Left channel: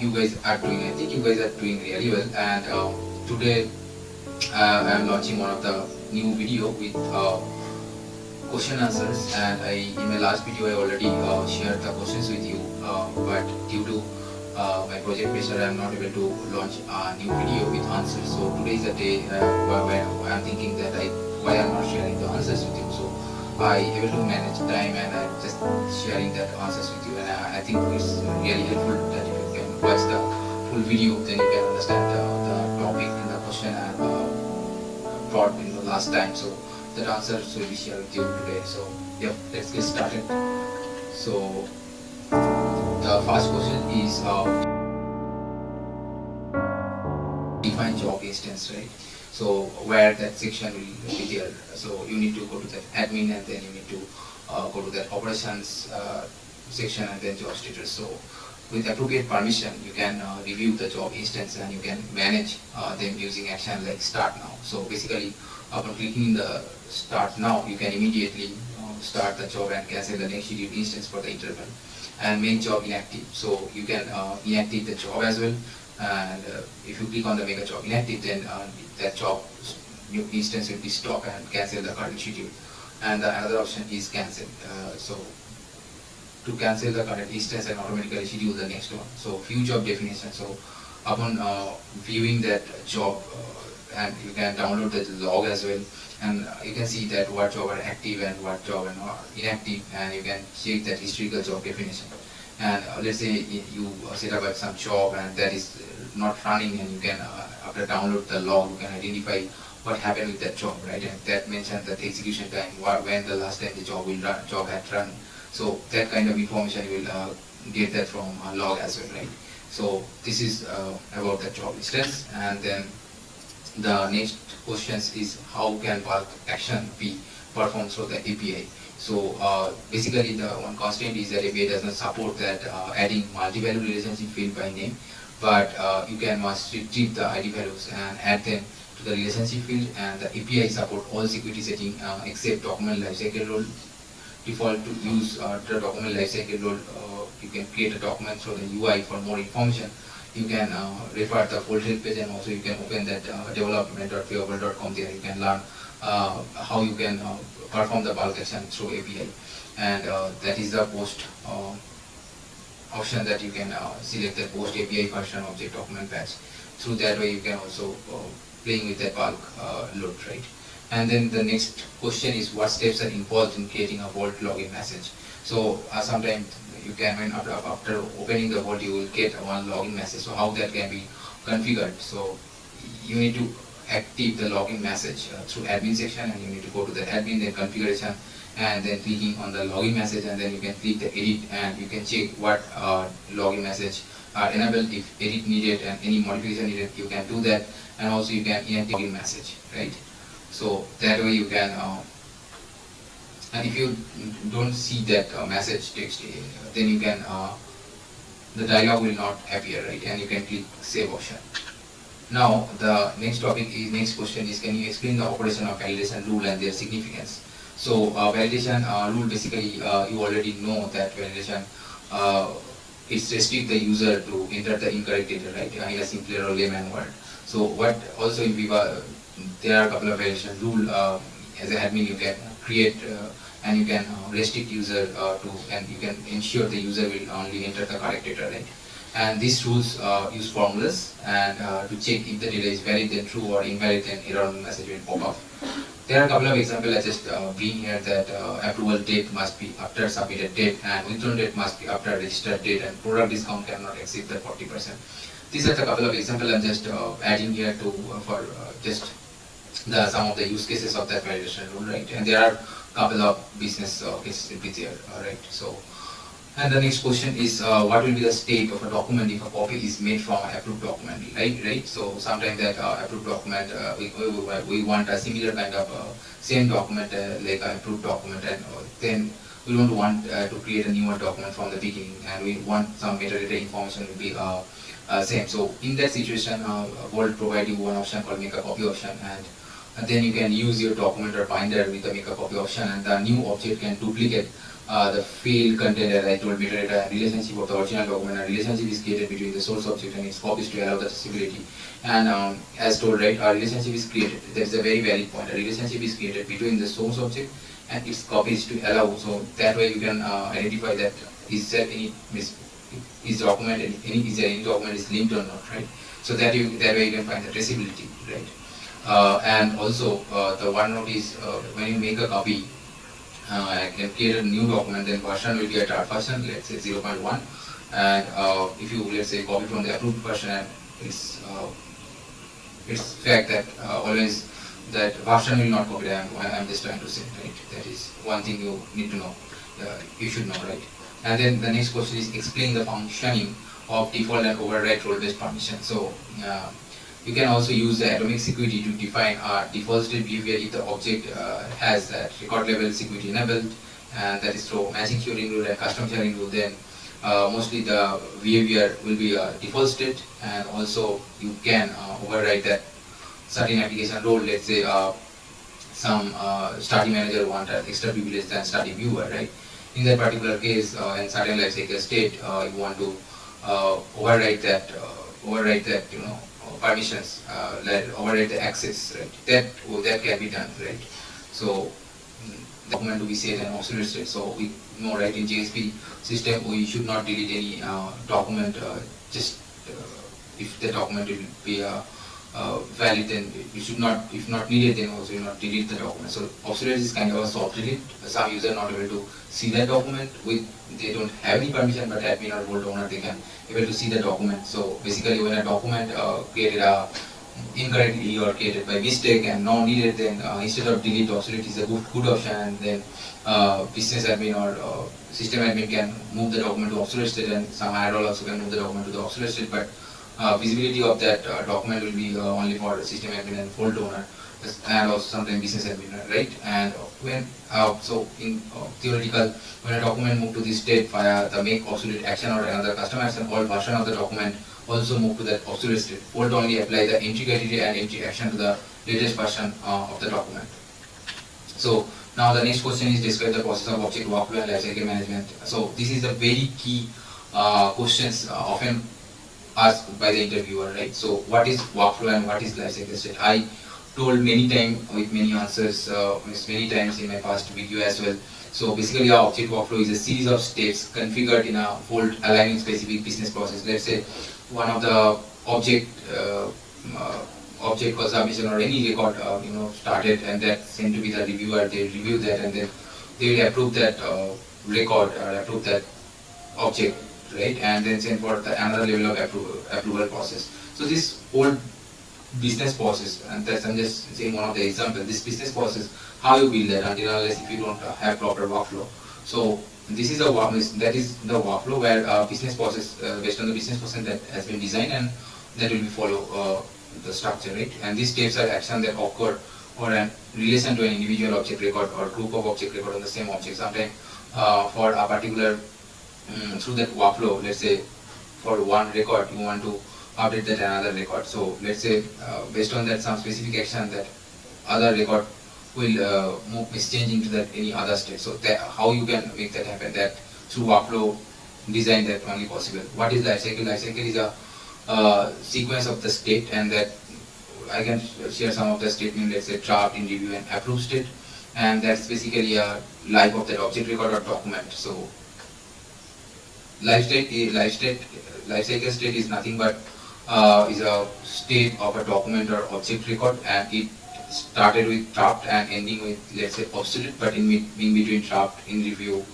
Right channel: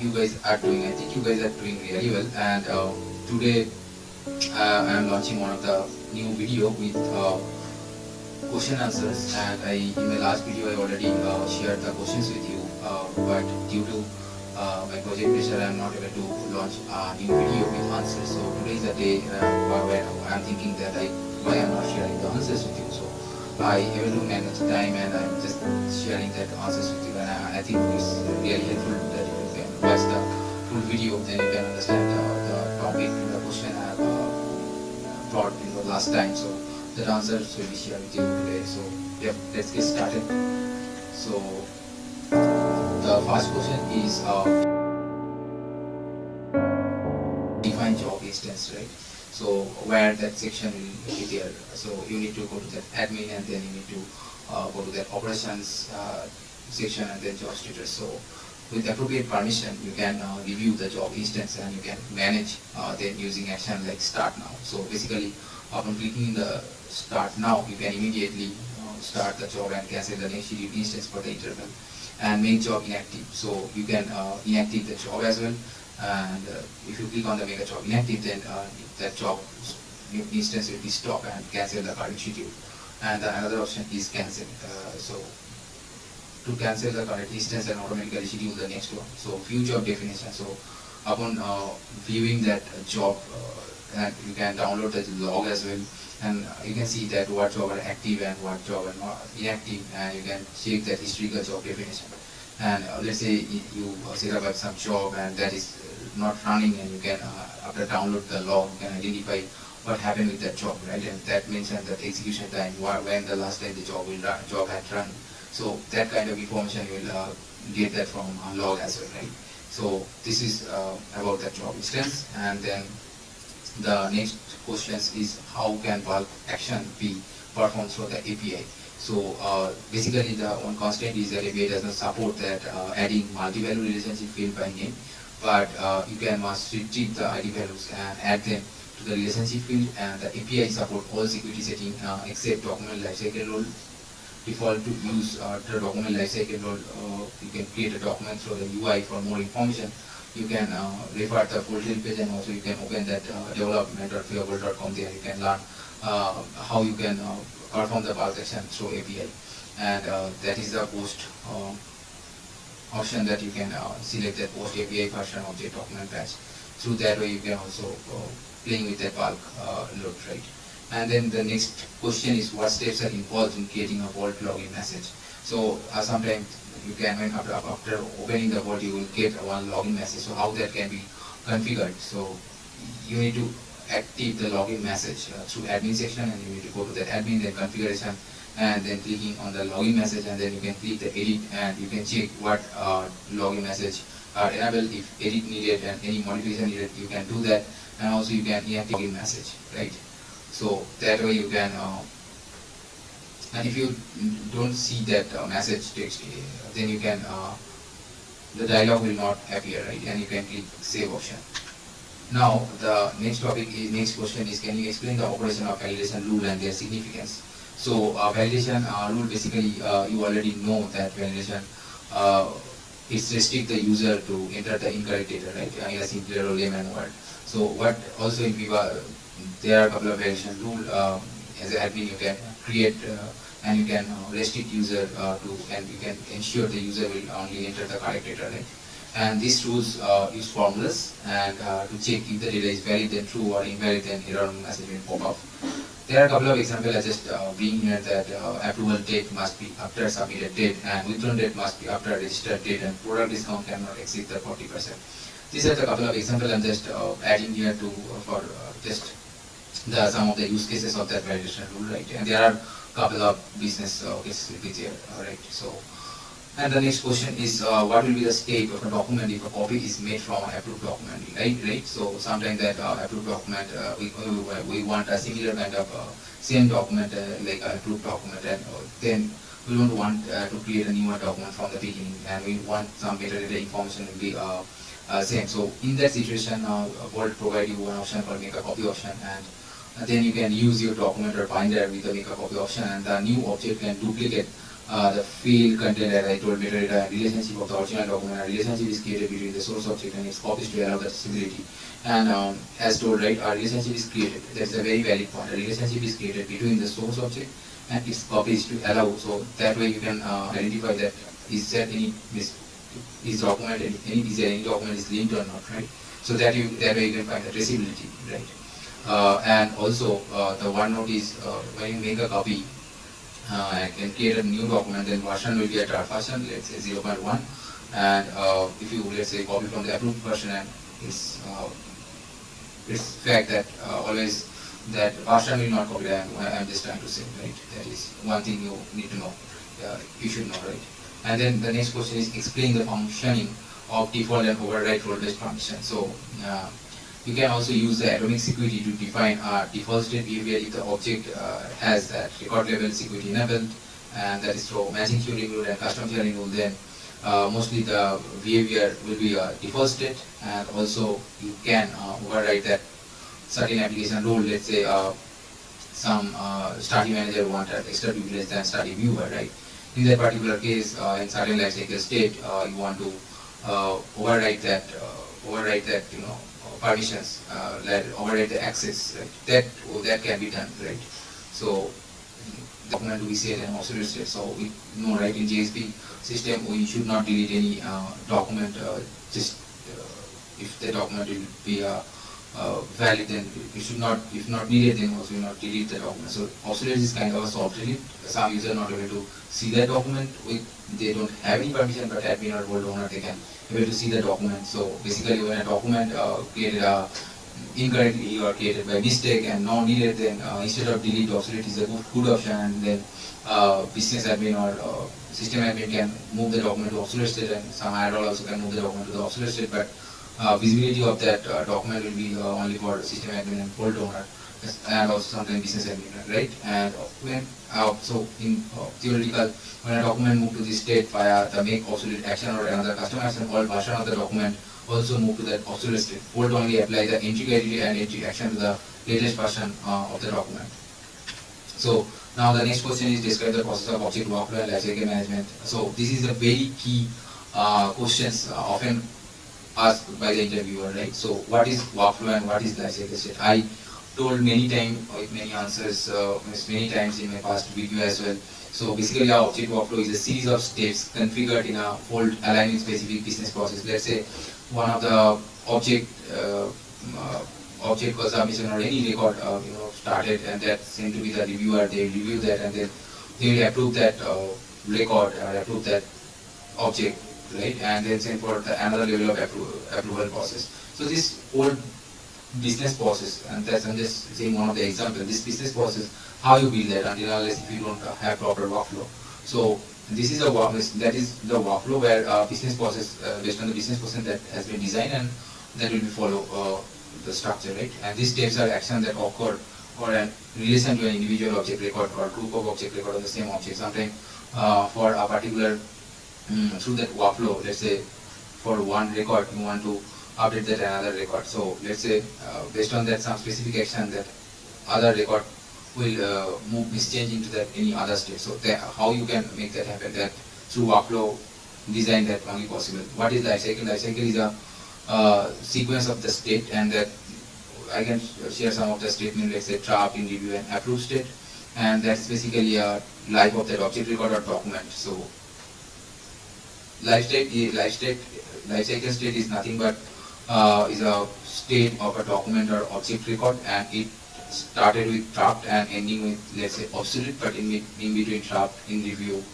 you guys are doing. I think you guys are doing really well. And today I am launching one of the new video with question answers. And in my last video I already shared the questions with you. But due to my project pressure, I am not able to launch a new video with answers. So today is the day where I am thinking that why I am not sharing the answers with you. So I able to manage time and I'm just sharing that answers with you. And I think it's really helpful that if you can watch the full video, then you can understand the topic in the question I have brought in the last time. So that answers will be shared with you today. So yep, let's get started. So the first question is define job instance, right? So where that section will be there. So you need to go to that admin and then you need to go to that operations section and then job status. So with appropriate permission, you can review the job instance and you can manage them using action like start now. So basically, upon clicking the start now, you can immediately start the job and cancel the next scheduled instance for the interval and make job inactive. So you can inactive the job as well. And if you click on the make a job inactive, then that job instance will be stopped and cancel the current schedule. And another option is cancel. So to cancel the current instance and automatically schedule the next one. So few job definition. So upon viewing that job, and you can download the log as well, and you can see that what job are active and what job are not inactive, and you can check that historical job definition. And let's say you set up some job and that is not running, and you can after download the log, you can identify what happened with that job, right? And that mentions that execution time, when the last time the job had run. So that kind of information you will get that from log as well, right? So this is about the job instance. And then the next questions is how can bulk action be performed through the API. So basically the one constraint is that API does not support that adding multi-value relationship field by name, but you can must retrieve the ID values and add them to the relationship field. And the API support all security setting except document lifecycle role. Default to use the document lifecycle role. You can create a document through the UI for more information. You can refer the full detail page, and also you can open that development.viewable.com. There you can learn how you can perform the bulk action through API. And that is the post option that you can select the post API function object document patch. Through that way you can also playing with that bulk load, right? And then the next question is what steps are involved in creating a Vault login message. So sometimes you can, when after opening the Vault, you will get one login message. So how that can be configured. So you need to active the login message through admin section, and you need to go to the admin, then configuration, and then clicking on the login message, and then you can click the edit, and you can check what login message are enabled. If edit needed and any modification needed, you can do that. And also you can inactive login message, right? So that way you can and if you don't see that message text, then you can the dialog will not appear, right? And you can click save option. Now the next question is, can you explain the operation of validation rule and their significance? So validation rule, basically you already know that validation it's restrict the user to enter the incorrect data, right, in a simpler or layman word. So what also in Viva, there are a couple of validation rule as an admin you can create and you can restrict user and you can ensure the user will only enter the correct data, right? And these rules use formulas and to check if the data is valid, then true, or invalid, then error message will pop up. There are a couple of examples I just bring here, that approval date must be after submitted date, and withdrawn date must be after registered date, and product discount cannot exceed the 40%. These are the couple of examples I'm just adding here to for just some of the use cases of that validation rule, right? And there are a couple of business cases will be there, right? So, and the next question is what will be the state of a document if a copy is made from an approved document, right? So sometimes that approved document we want a similar kind of same document like an approved document, and then we don't want to create a newer document from the beginning, and we want some metadata information will be same. So in that situation, Vault provide you one option called make a copy option, and then you can use your document or binder with the make a copy option, and the new object can duplicate the field content, as I told metadata, and relationship of the original document, and relationship is created between the source object and its copies to allow the accessibility. And as told, right, a relationship is created. That is a very valid point. A relationship is created between the source object and its copies to allow. So that way you can identify that is there any is document is there any document is linked or not, right? So that way you can find the traceability, right? And also the OneNote is when you make a copy. I can create a new document, then version will be a draft version, let's say 0.1, and if you let's say copy from the approved version, and it's fact that always that version will not copy. I'm just trying to say, right? That is one thing you need to know. You should know, right? And then the next question is explain the functioning of default and override role-based permission. So you can also use the atomic security to define default state behavior if the object has that record level security enabled, and that is through matching sharing rule and custom sharing rule. Then mostly the behavior will be a default state, and also you can override that certain application role. Let's say some study manager want an extra privilege than study viewer, right? In that particular case, in certain lifecycle state, you want to override that permissions, like override the access, right? That can be done, right? So document to be set and obsolete state. So we know, right, in JSP system we should not delete any document just if the document will be valid, then you should not, if not needed, then also you not delete the document. So obsolete is kind of also obsolete. Some user not able to see that document with, they don't have any permission, but admin or role owner they can able to see the document. So basically when a document created incorrectly or created by mistake and not needed, then instead of delete, obsolete is a good option, and then business admin or system admin can move the document to obsolete state, and some IRL also can move the document to the obsolete state, but visibility of that document will be only for system admin and fault owner, and also sometimes business admin, right? And when so in theoretical, when a document move to this state via the make obsolete action or another custom action, all version of the document also move to that obsolete state. Fault only apply the entry criteria and entry action to the latest version of the document. So now the next question is describe the process of object workflow and lifecycle management. So this is a very key questions often asked by the interviewer, right? So what is workflow and what is lifecycle state? I told many times with many answers, many times in my past video as well. So basically our object workflow is a series of steps configured in a fold aligning specific business process. Let's say one of the object was submission or any record started, and that seemed to be the reviewer. They review that and then they will approve that record or approve that object, right? And then send for the another level of approval process. So this whole business process, and that's, I'm just saying one of the examples. This business process, how you build that until unless if you don't have proper workflow. So this is that is the workflow where business process based on the business process that has been designed, and that will be follow the structure, right? And these steps are actions that occur or in relation to an individual object record or group of object record on the same object. Sometimes for a particular through that workflow, let's say for one record you want to update that another record. So let's say based on that some specific action that other record will move is changing to that any other state. So that, how you can make that happen? That through workflow design that only possible. What is lifecycle? Lifecycle is a sequence of the state, and that I can share some of the statement. Let's say draft, in review, and approve state, and that's basically a life of that object record or document. So lifecycle state is nothing but is a state of a document or object record, and it started with draft and ending with, let's say, obsolete, but in between draft, in review,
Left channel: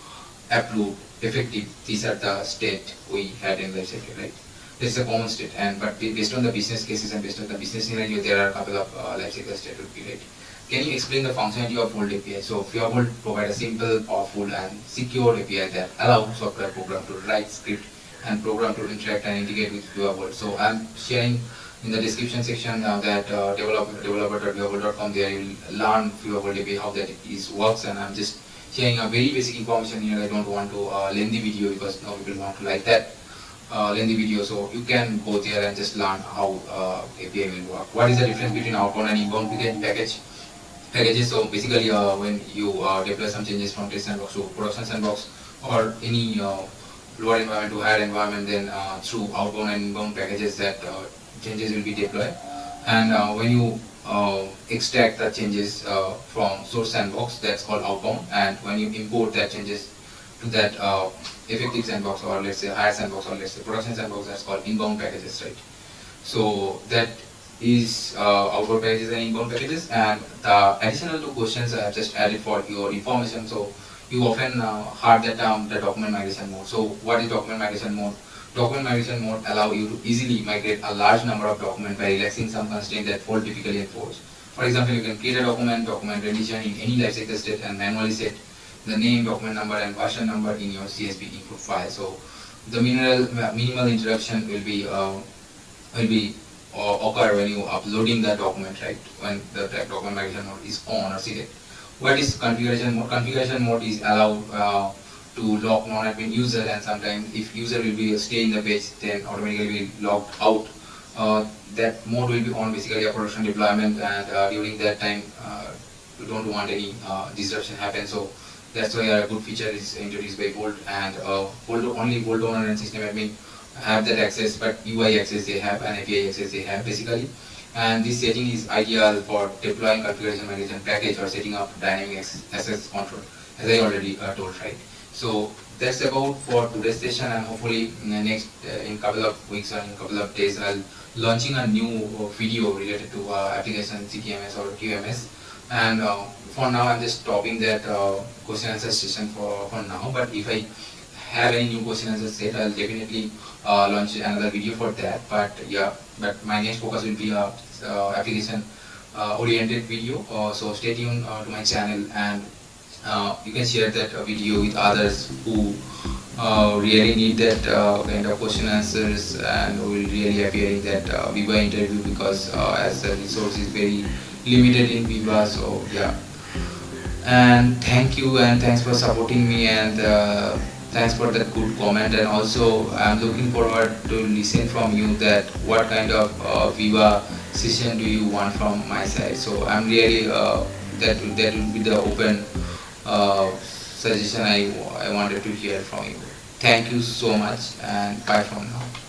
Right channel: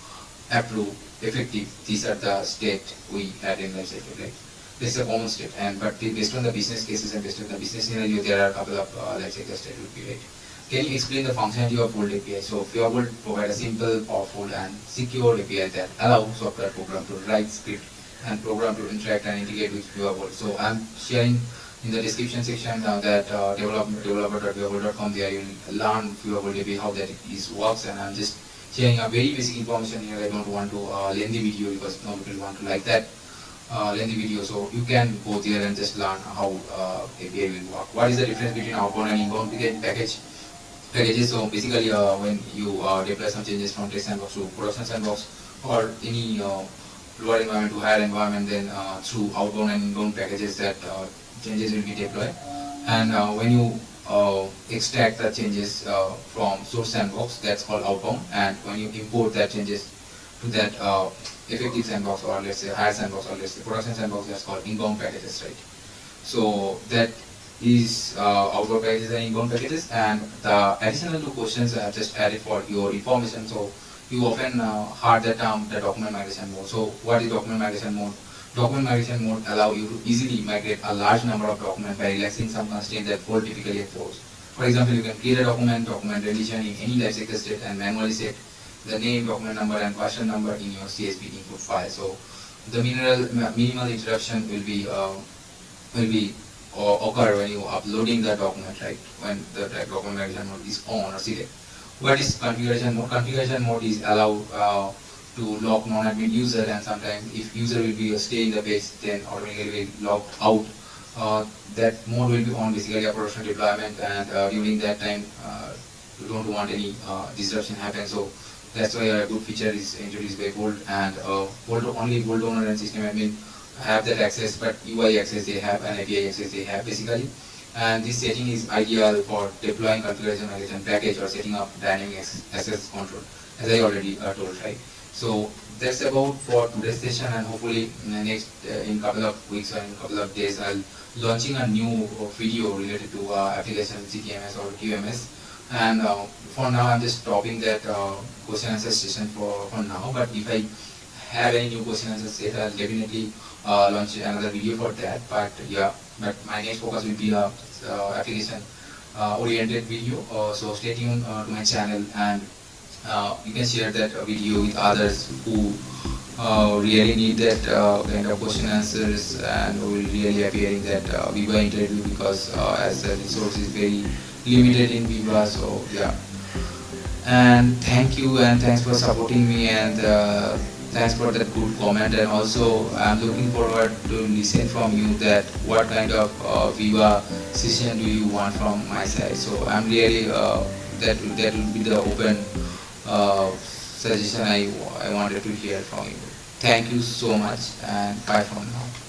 approve, effective. These are the state we had in lifecycle, right? This is a common state, and but based on the business cases and based on the business scenario, there are a couple of lifecycle state would be, right? Can you explain the functionality of Fold API? So FugaVault provide a simple, powerful, and secure API that allows software program to write script and program to interact and integrate with FugaVault. So I'm sharing in the description section that developer.fugavault.com. There you'll learn FugaVault API, how that works, and I'm just sharing a very basic information here. I don't want to lengthy video because no people want to like that lengthy video. So you can go there and just learn how API will work. What is the difference between outbound and inbound package? packages. So basically, when you deploy some changes from test sandbox to production sandbox or any lower environment to higher environment, then through outbound and inbound packages that changes will be deployed. And when you extract the changes from source sandbox, that's called outbound. And when you import that changes to that effective sandbox, or let's say higher sandbox, or let's say production sandbox, that's called inbound packages, right? So that is outbound packages and inbound packages. And the additional two questions I have just added for your information. So you often heard the term the document migration mode. So what is document migration mode? Document migration mode allow you to easily migrate a large number of documents by relaxing some constraints that fall typically at force. For example, you can create a document edition in any lifecycle state and manually set the name, document number, and version number in your CSV input file. So the minimal interruption will be occur when you uploading the document, right? When the document migration mode is on or select. What is configuration mode? Configuration mode is allowed to lock non-admin user, and sometimes if user will be stay in the page, then automatically will logged out. That mode will be on basically a production deployment, and during that time you don't want any disruption happen. So that's why a good feature is introduced by Bolt, and only Bolt owner and system admin have that access, but UI access they have and API access they have basically. And this setting is ideal for deploying configuration migration package or setting up dynamic access control, as I already told, right? So that's about for today's session, and hopefully next in couple of weeks or in couple of days I'll launching a new video related to application CTMS or QMS. And for now I'm just stopping that question answer session for now, but if I have any new question answer set, I'll definitely launch another video for that. But yeah, but my next focus will be application oriented video. So stay tuned to my channel, and you can share that video with others who really need that kind of question answers, and will really appear in that Viva interview, because as the resource is very limited in Viva. So yeah, and thank you, and thanks for supporting me, and thanks for that good comment. And also I'm looking forward to listen from you that what kind of Viva session do you want from my side. So I'm really that will be the open suggestion I wanted to hear from you. Thank you so much, and bye from now.